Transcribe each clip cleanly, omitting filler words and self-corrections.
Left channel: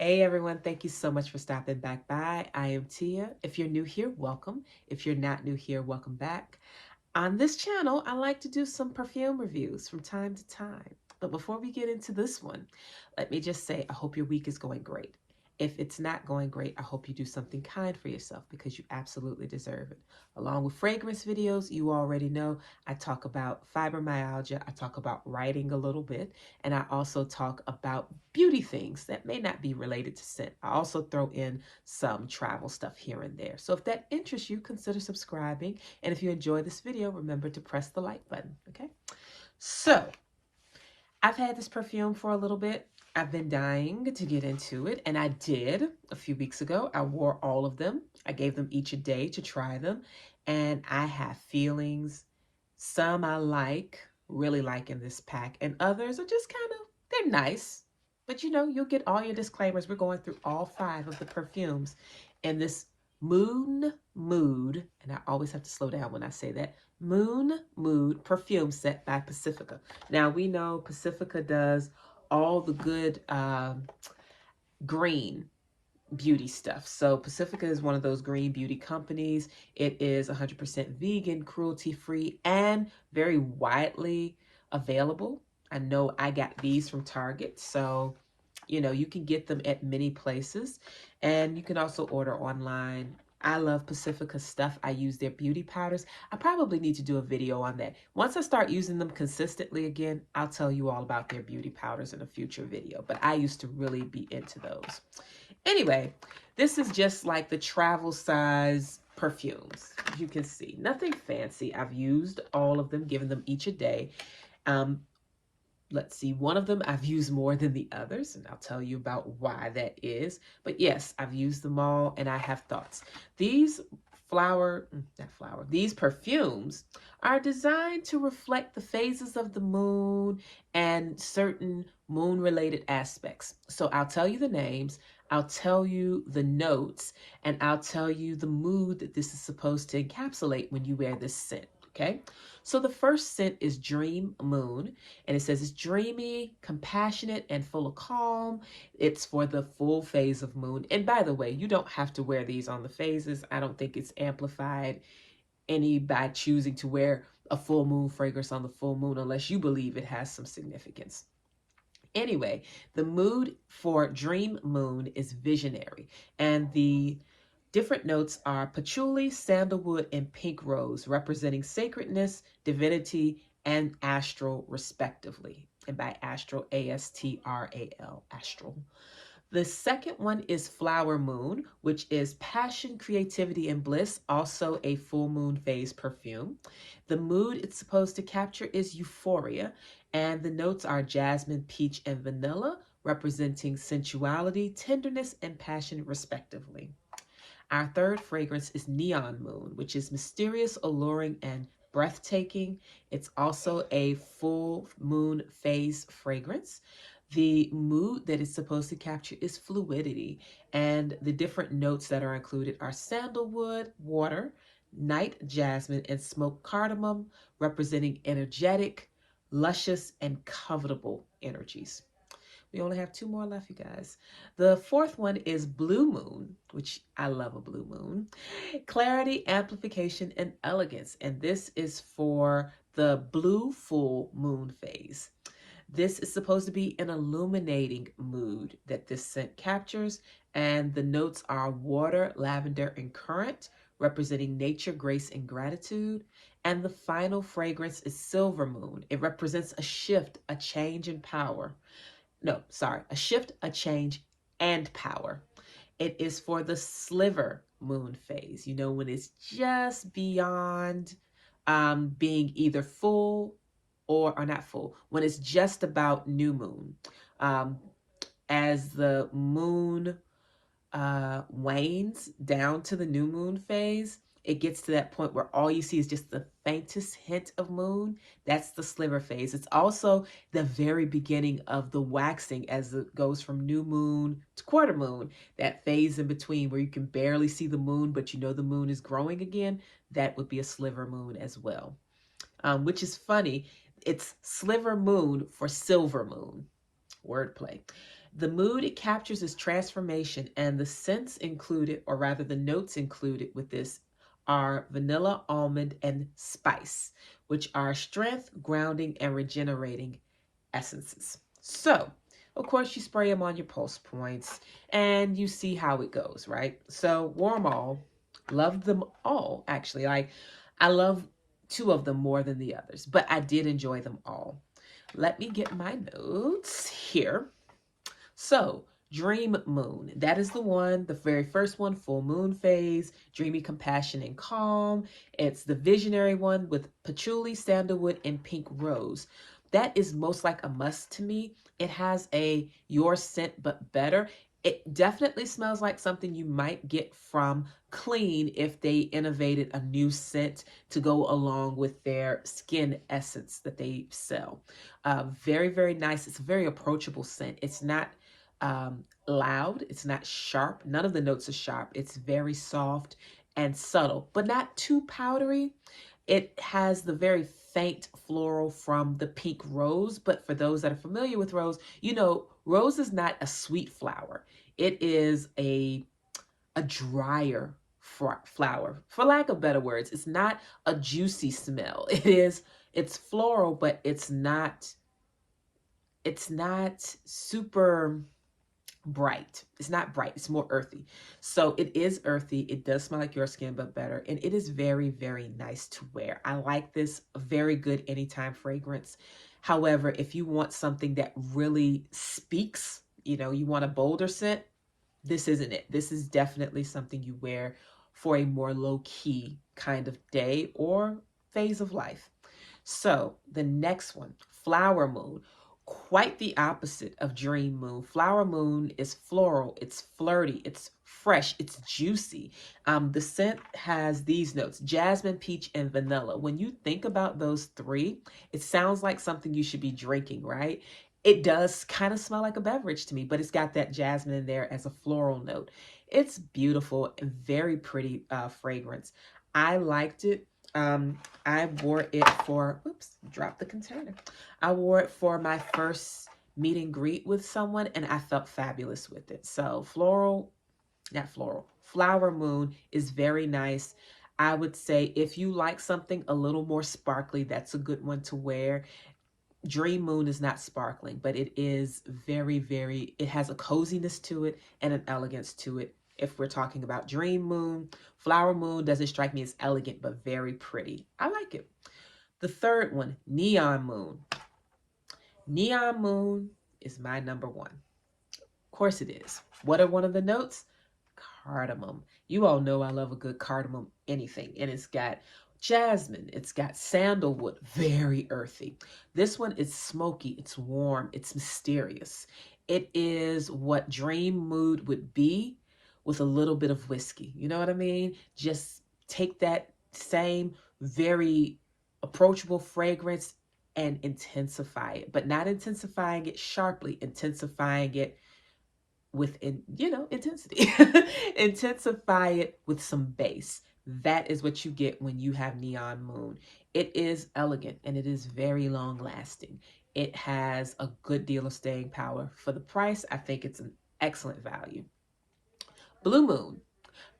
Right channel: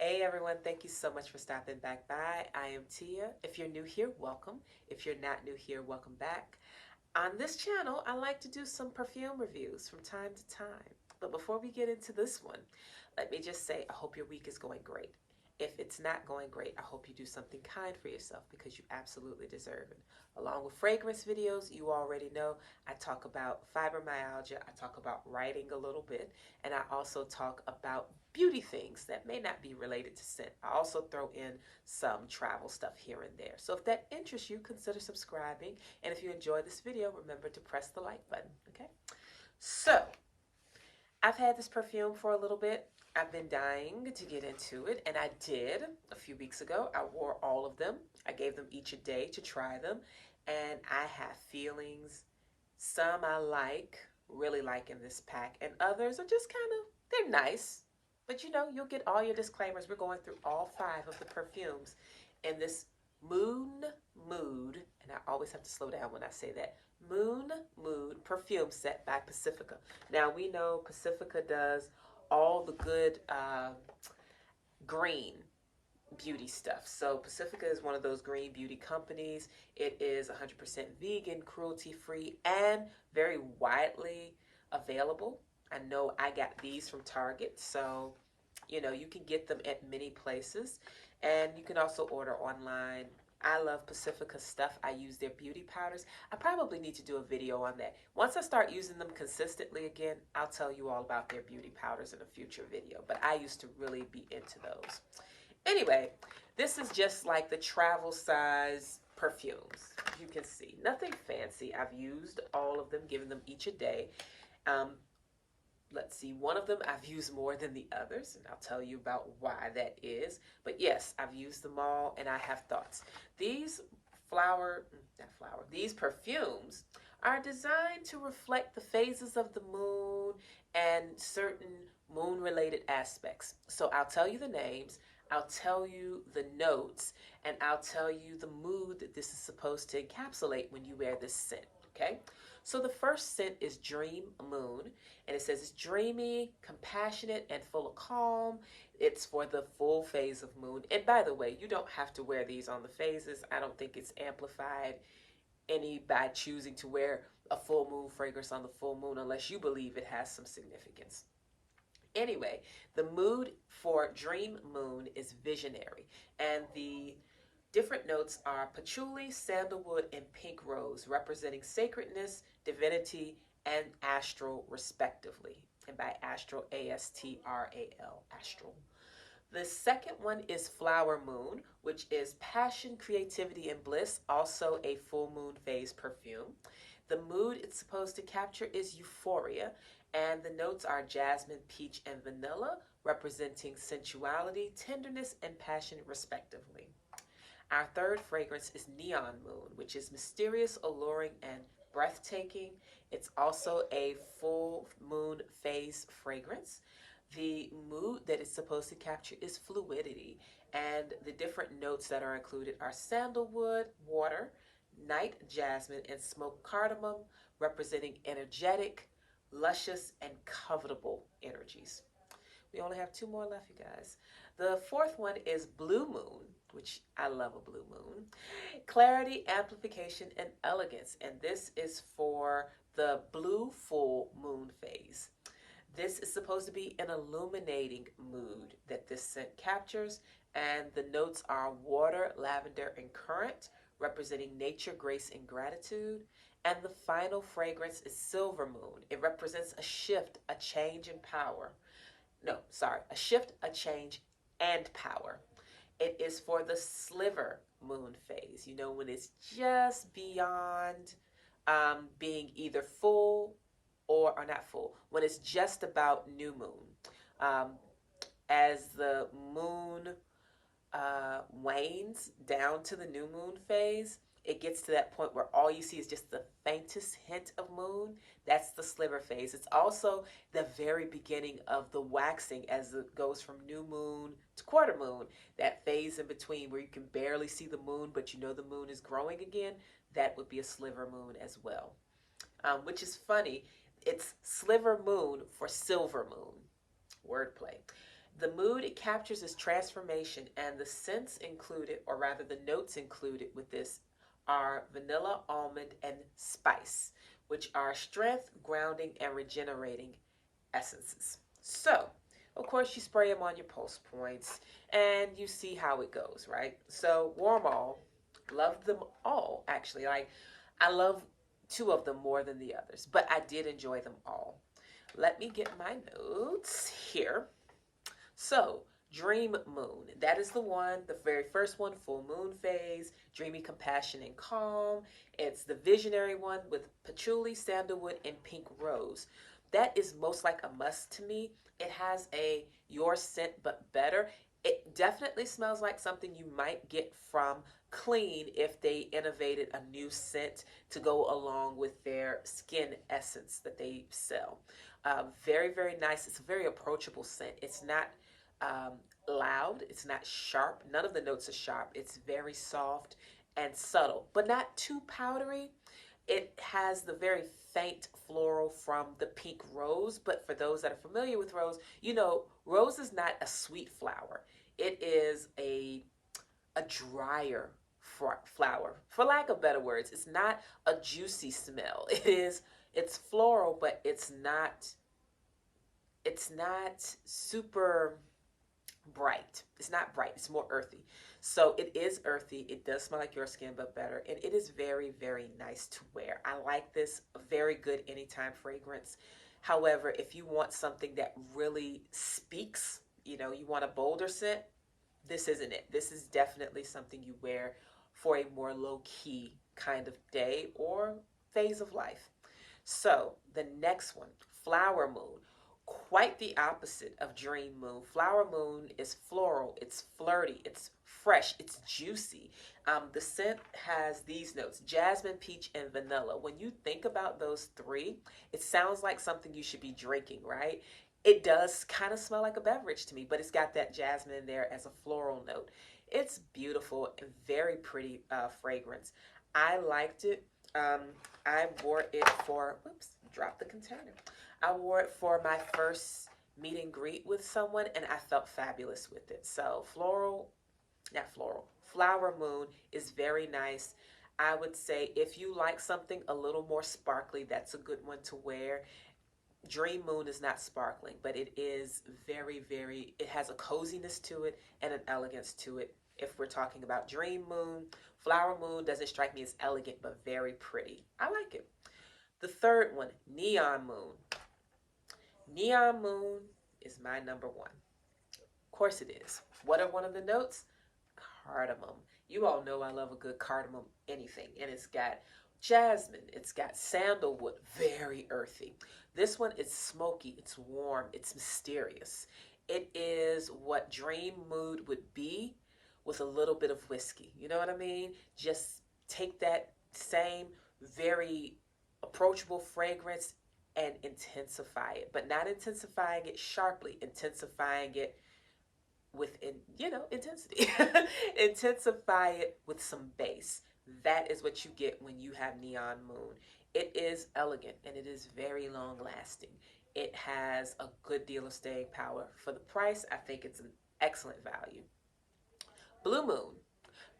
Hey everyone, thank you so much for stopping back by. I am Tia. If you're new here, welcome. If you're not new here, welcome back. On this channel, I like to do some perfume reviews from time to time. But before we get into this one, let me just say I hope your week is going great. If it's not going great, I hope you do something kind for yourself because you absolutely deserve it. Along with fragrance videos, you already know I talk about fibromyalgia, I talk about writing a little bit, and I also talk about beauty things that may not be related to scent. I also throw in some travel stuff here and there. So if that interests you, consider subscribing. And if you enjoy this video, remember to press the like button, okay? So I've had this perfume for a little bit. I've been dying to get into it, and I did a few weeks ago. I wore all of them. I gave them each a day to try them, and I have feelings. Some I like, really like in this pack, and others are just kind of, they're nice. But you know, you'll get all your disclaimers. We're going through all 5 of the perfumes in this mood, and I always have to slow down when I say that, mood perfume set by Pacifica. Now we know Pacifica does all the good green beauty stuff. So Pacifica is one of those green beauty companies. It is 100% vegan, cruelty free, and very widely available. I know I got these from Target, so you know you can get them at many places, and you can also order online. I love Pacifica stuff. I use their beauty powders. I probably need to do a video on that. Once I start using them consistently again, I'll tell you all about their beauty powders in a future video. But I used to really be into those. Anyway, this is just like the travel size perfumes. You can see nothing fancy. I've used all of them, given them each a day. Um, let's see, one of them I've used more than the others, and I'll tell you about why that is. But yes, I've used them all, and I have thoughts. These these perfumes are designed to reflect the phases of the moon and certain moon-related aspects. So I'll tell you the names, I'll tell you the notes, and I'll tell you the mood that this is supposed to encapsulate when you wear this scent, okay? So the first scent is Dream Moon, and it says it's dreamy, compassionate, and full of calm. It's for the full phase of moon. And by the way, you don't have to wear these on the phases. I don't think it's amplified any by choosing to wear a full moon fragrance on the full moon unless you believe it has some significance. Anyway, the mood for Dream Moon is visionary, and the different notes are patchouli, sandalwood, and pink rose, representing sacredness, divinity, and astral, respectively. And by astral, A-S-T-R-A-L, astral. The second one is Flower Moon, which is passion, creativity, and bliss, also a full moon phase perfume. The mood it's supposed to capture is euphoria, and the notes are jasmine, peach, and vanilla, representing sensuality, tenderness, and passion, respectively. Our third fragrance is Neon Moon, which is mysterious, alluring, and breathtaking. It's also a full moon phase fragrance. The mood that it's supposed to capture is fluidity, and the different notes that are included are sandalwood, water, night jasmine, and smoked cardamom, representing energetic, luscious, and covetable energies. We only have 2 more left, you guys. The fourth one is Blue Moon, which I love a blue moon. Clarity, amplification, and elegance. And this is for the blue full moon phase. This is supposed to be an illuminating mood that this scent captures. And the notes are water, lavender, and currant, representing nature, grace, and gratitude. And the final fragrance is Silver Moon. It represents a shift, a change in power. No, sorry, a shift, a change, and power. It is for the sliver moon phase, you know, when it's just beyond being either full or not full, when it's just about new moon. Um, as the moon wanes down to the new moon phase, it gets to that point where all you see is just the faintest hint of moon. That's the sliver phase. It's also the very beginning of the waxing as it goes from new moon to quarter moon. That phase in between where you can barely see the moon, but you know the moon is growing again. That would be a sliver moon as well, which is funny. It's sliver moon for silver moon. Wordplay. The mood it captures is transformation, and the scents included, or rather the notes included with this, are vanilla, almond, and spice, which are strength, grounding, and regenerating essences. So, of course, you spray them on your pulse points and you see how it goes, right? So, warm all, love them all, actually. Like, I love two of them more than the others, but I did enjoy them all. Let me get my notes here. So, Dream Moon. That is the one, the very first one, full moon phase, dreamy compassion and calm. It's the visionary one with patchouli, sandalwood, and pink rose. That is most like a must to me. It has a your scent but better. It definitely smells like something you might get from Clean if they innovated a new scent to go along with their skin essence that they sell. Very, very nice. It's a very approachable scent. It's not loud. It's not sharp. None of the notes are sharp. It's very soft and subtle, but not too powdery. It has the very faint floral from the pink rose, but for those that are familiar with rose, you know, rose is not a sweet flower. It is a drier flower, for lack of better words. It's not a juicy smell. It's floral, but it's not super bright. It's not bright. It's more earthy. So it is earthy. It does smell like your skin, but better. And it is very, very nice to wear. I like this. Very good anytime fragrance. However, if you want something that really speaks, you want a bolder scent, this isn't it. This is definitely something you wear for a more low-key kind of day or phase of life. So the next one, Flower Moon. Quite the opposite of Dream Moon. Flower Moon is floral, it's flirty, it's fresh, it's juicy. The scent has these notes: jasmine, peach, and vanilla. When you think about those three, it sounds like something you should be drinking, right? It does kind of smell like a beverage to me, but it's got that jasmine in there as a floral note. It's beautiful and very pretty fragrance. I liked it. I wore it for, oops, dropped the container. I wore it for my first meet and greet with someone, and I felt fabulous with it. So Flower Moon is very nice. I would say if you like something a little more sparkly, that's a good one to wear. Dream Moon is not sparkling, but it is very, very, it has a coziness to it and an elegance to it. If we're talking about Dream Moon, Flower Moon doesn't strike me as elegant, but very pretty. I like it. The third one, Neon Moon. Neon Moon is my number one. Of course it is. What are one of the notes? Cardamom. You all know I love a good cardamom anything. And it's got jasmine. It's got sandalwood. Very earthy. This one is smoky. It's warm. It's mysterious. It is what Dream Mood would be with a little bit of whiskey. You know what I mean? Just take that same very approachable fragrance and intensify it, but not intensifying it sharply, intensifying it with intensity. Intensify it with some bass. That is what you get when you have Neon Moon. It is elegant and it is very long lasting. It has a good deal of staying power. For the price, I think it's an excellent value. Blue Moon.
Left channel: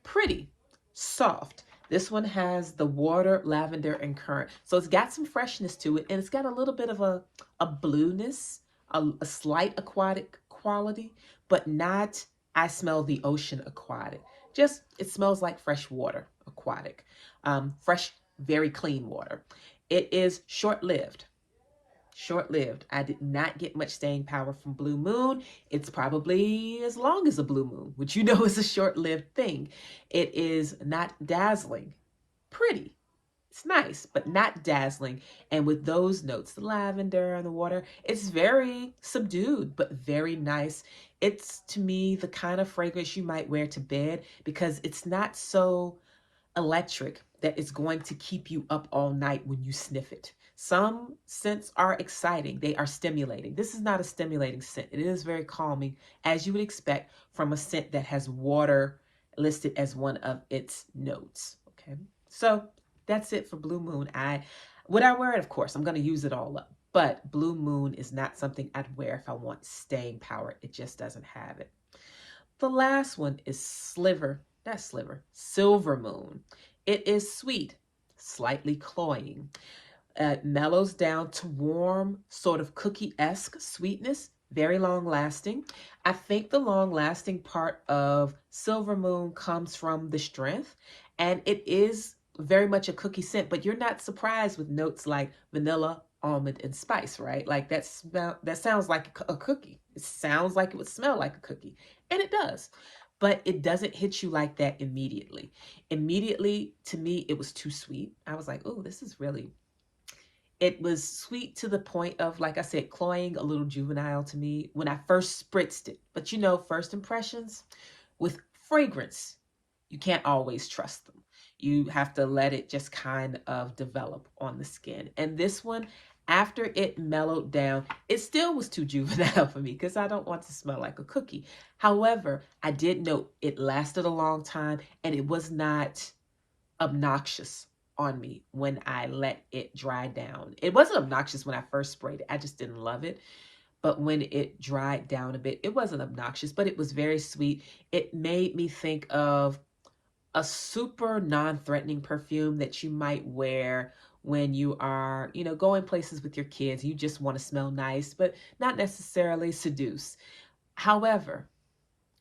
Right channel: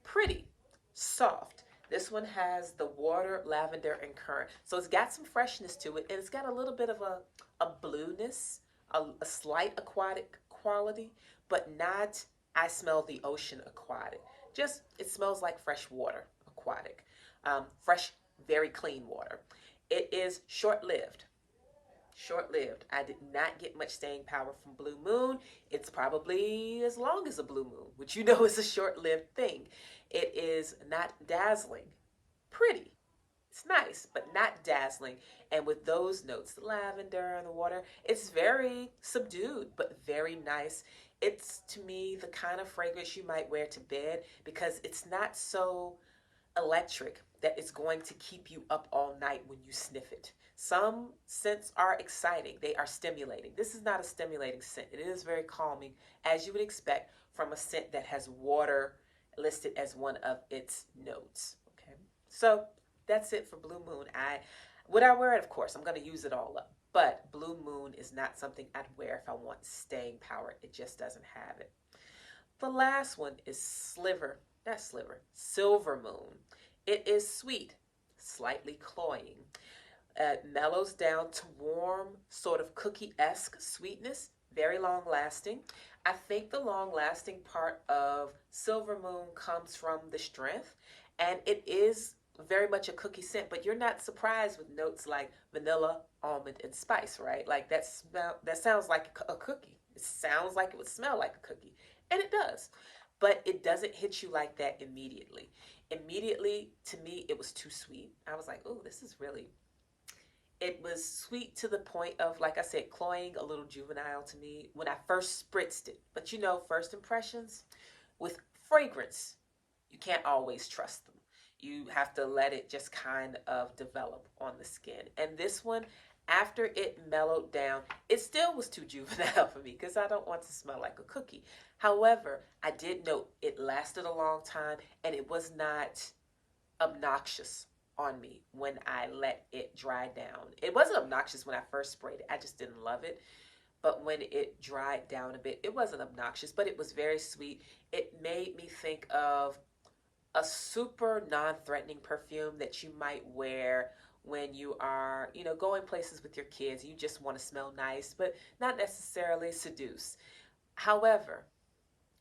Pretty, soft. This one has the water, lavender, and currant. So it's got some freshness to it, and it's got a little bit of a blueness, a slight aquatic quality, but not, I smell the ocean aquatic. Just, it smells like fresh water aquatic. Fresh, very clean water. It is short-lived. Short-lived. I did not get much staying power from Blue Moon. It's probably as long as a Blue Moon, which you know is a short-lived thing. It is not dazzling. Pretty. It's nice, but not dazzling. And with those notes, the lavender and the water, it's very subdued, but very nice. It's, to me, the kind of fragrance you might wear to bed because it's not so electric that it's going to keep you up all night when you sniff it. Some scents are exciting. They are stimulating. This is not a stimulating scent. It is very calming, as you would expect from a scent that has water listed as one of its notes. Okay, so that's it for Blue Moon. Would I wear it? Of course, I'm going to use it all up. But Blue Moon is not something I'd wear if I want staying power. It just doesn't have it. The last one is Silver Moon. It is sweet, slightly cloying. It mellows down to warm, sort of cookie-esque sweetness, very long-lasting. I think the long-lasting part of Silver Moon comes from the strength, and it is very much a cookie scent, but you're not surprised with notes like vanilla, almond, and spice, right? Like that sounds like a cookie. It sounds like it would smell like a cookie, and it does. But it doesn't hit you like that immediately. Immediately, to me, it was too sweet. I was like, oh, this is really, it was sweet to the point of, like I said, cloying, a little juvenile to me when I first spritzed it. But you know, first impressions with fragrance, you can't always trust them. You have to let it just kind of develop on the skin. And this one, after it mellowed down, it still was too juvenile for me because I don't want to smell like a cookie. However, I did note it lasted a long time and it was not obnoxious on me when I let it dry down. It wasn't obnoxious when I first sprayed it. I just didn't love it. But when it dried down a bit, it wasn't obnoxious, but it was very sweet. It made me think of a super non-threatening perfume that you might wear when you are, going places with your kids. You just want to smell nice, but not necessarily seduce. However,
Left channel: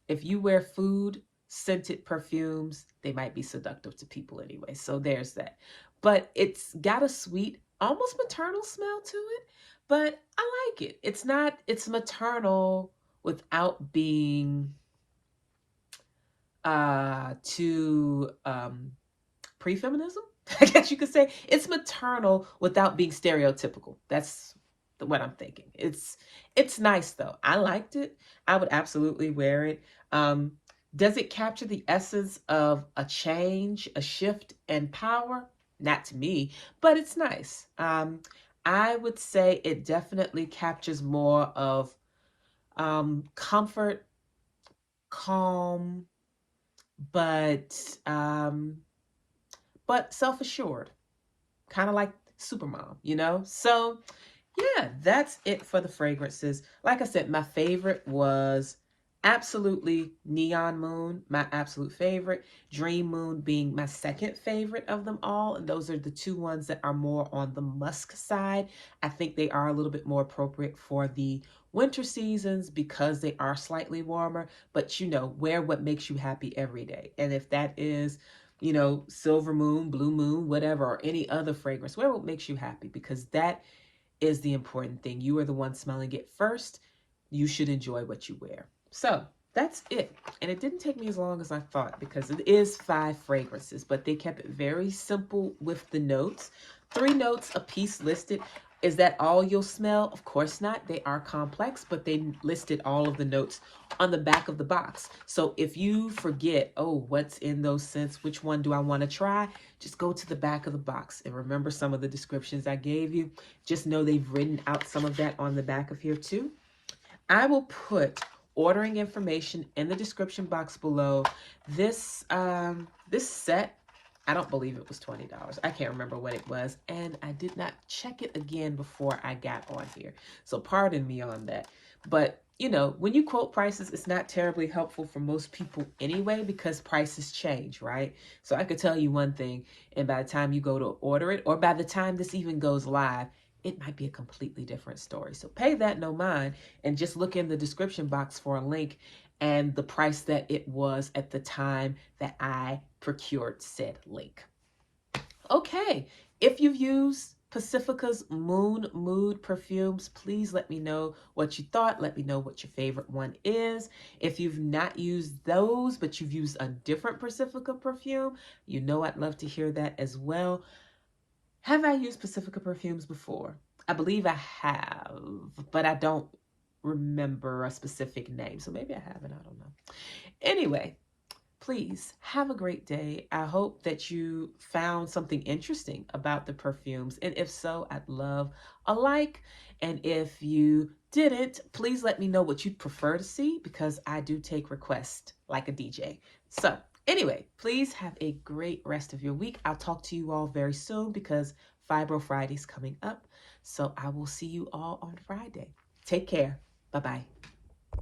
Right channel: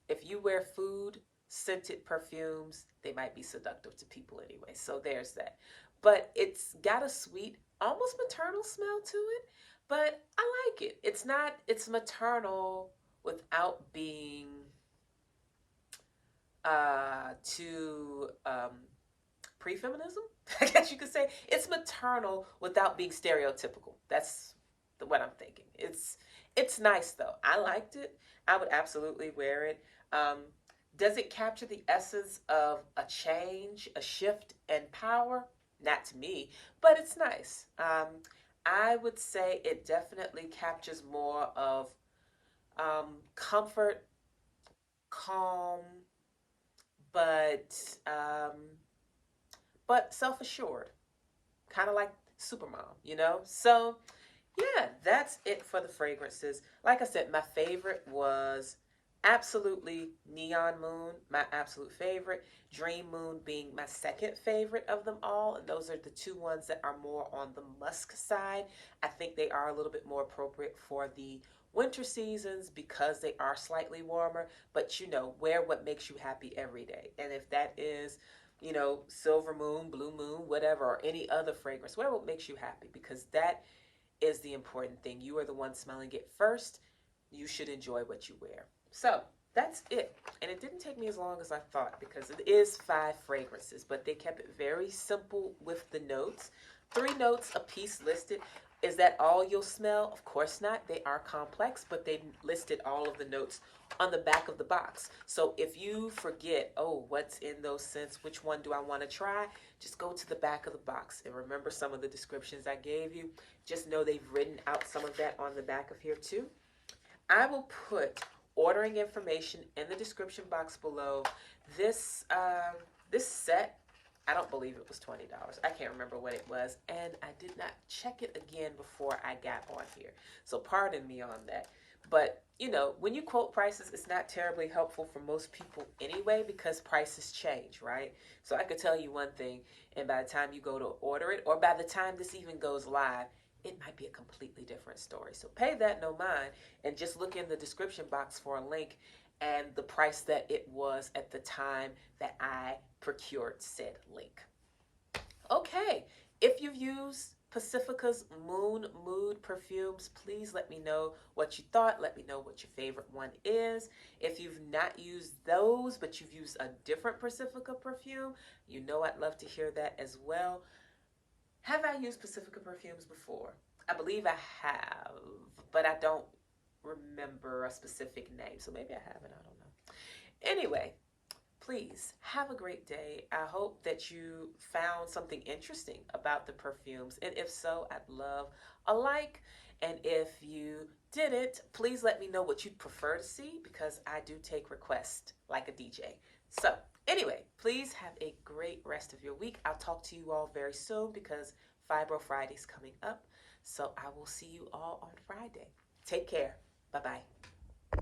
if you wear food scented perfumes, they might be seductive to people anyway. So there's that. But it's got a sweet, almost maternal smell to it, but I like it. It's maternal without being too pre-feminism, I guess you could say. It's maternal without being stereotypical. That's what I'm thinking. It's nice though. I liked it. I would absolutely wear it. Does it capture the essence of a change, a shift, and power? Not to me, but it's nice. I would say it definitely captures more of comfort, calm, but self-assured, kind of like Supermom. So yeah, that's it for the fragrances. Like I said, my favorite was absolutely Neon Moon, my absolute favorite. Dream Moon being my second favorite of them all. And those are the two ones that are more on the musk side. I think they are a little bit more appropriate for the winter seasons because they are slightly warmer. But wear what makes you happy every day. And if that is, Silver Moon, Blue Moon, whatever, or any other fragrance, wear what makes you happy, because that is the important thing. You are the one smelling it first. You should enjoy what you wear. So that's it. And it didn't take me as long as I thought because it is 5 fragrances, but they kept it very simple with the notes. 3 notes a piece listed. Is that all you'll smell? Of course not. They are complex, but they listed all of the notes on the back of the box. So if you forget, oh, what's in those scents? Which one do I want to try? Just go to the back of the box and remember some of the descriptions I gave you. Just know they've written out some of that on the back of here too. I will put ordering information in the description box below. This set, I don't believe it was $20. I can't remember what it was, and I did not check it again before I got on here. So pardon me on that. But when you quote prices, it's not terribly helpful for most people anyway, because prices change, right? So I could tell you one thing, and by the time you go to order it, or by the time this even goes live, it might be a completely different story. So pay that no mind and just look in the description box for a link and the price that it was at the time that I procured said link. Okay, if you've used Pacifica's Moon Mood perfumes, please let me know what you thought. Let me know what your favorite one is. If you've not used those, but you've used a different Pacifica perfume, I'd love to hear that as well. Have I used Pacifica perfumes before? I believe I have, but I don't remember a specific name. So maybe I haven't, I don't know. Anyway, please have a great day. I hope that you found something interesting about the perfumes. And if so, I'd love a like. And if you didn't, please let me know what you'd prefer to see, because I do take requests like a DJ. So anyway, please have a great rest of your week. I'll talk to you all very soon because Fibro Friday's coming up. So I will see you all on Friday. Take care. Bye-bye.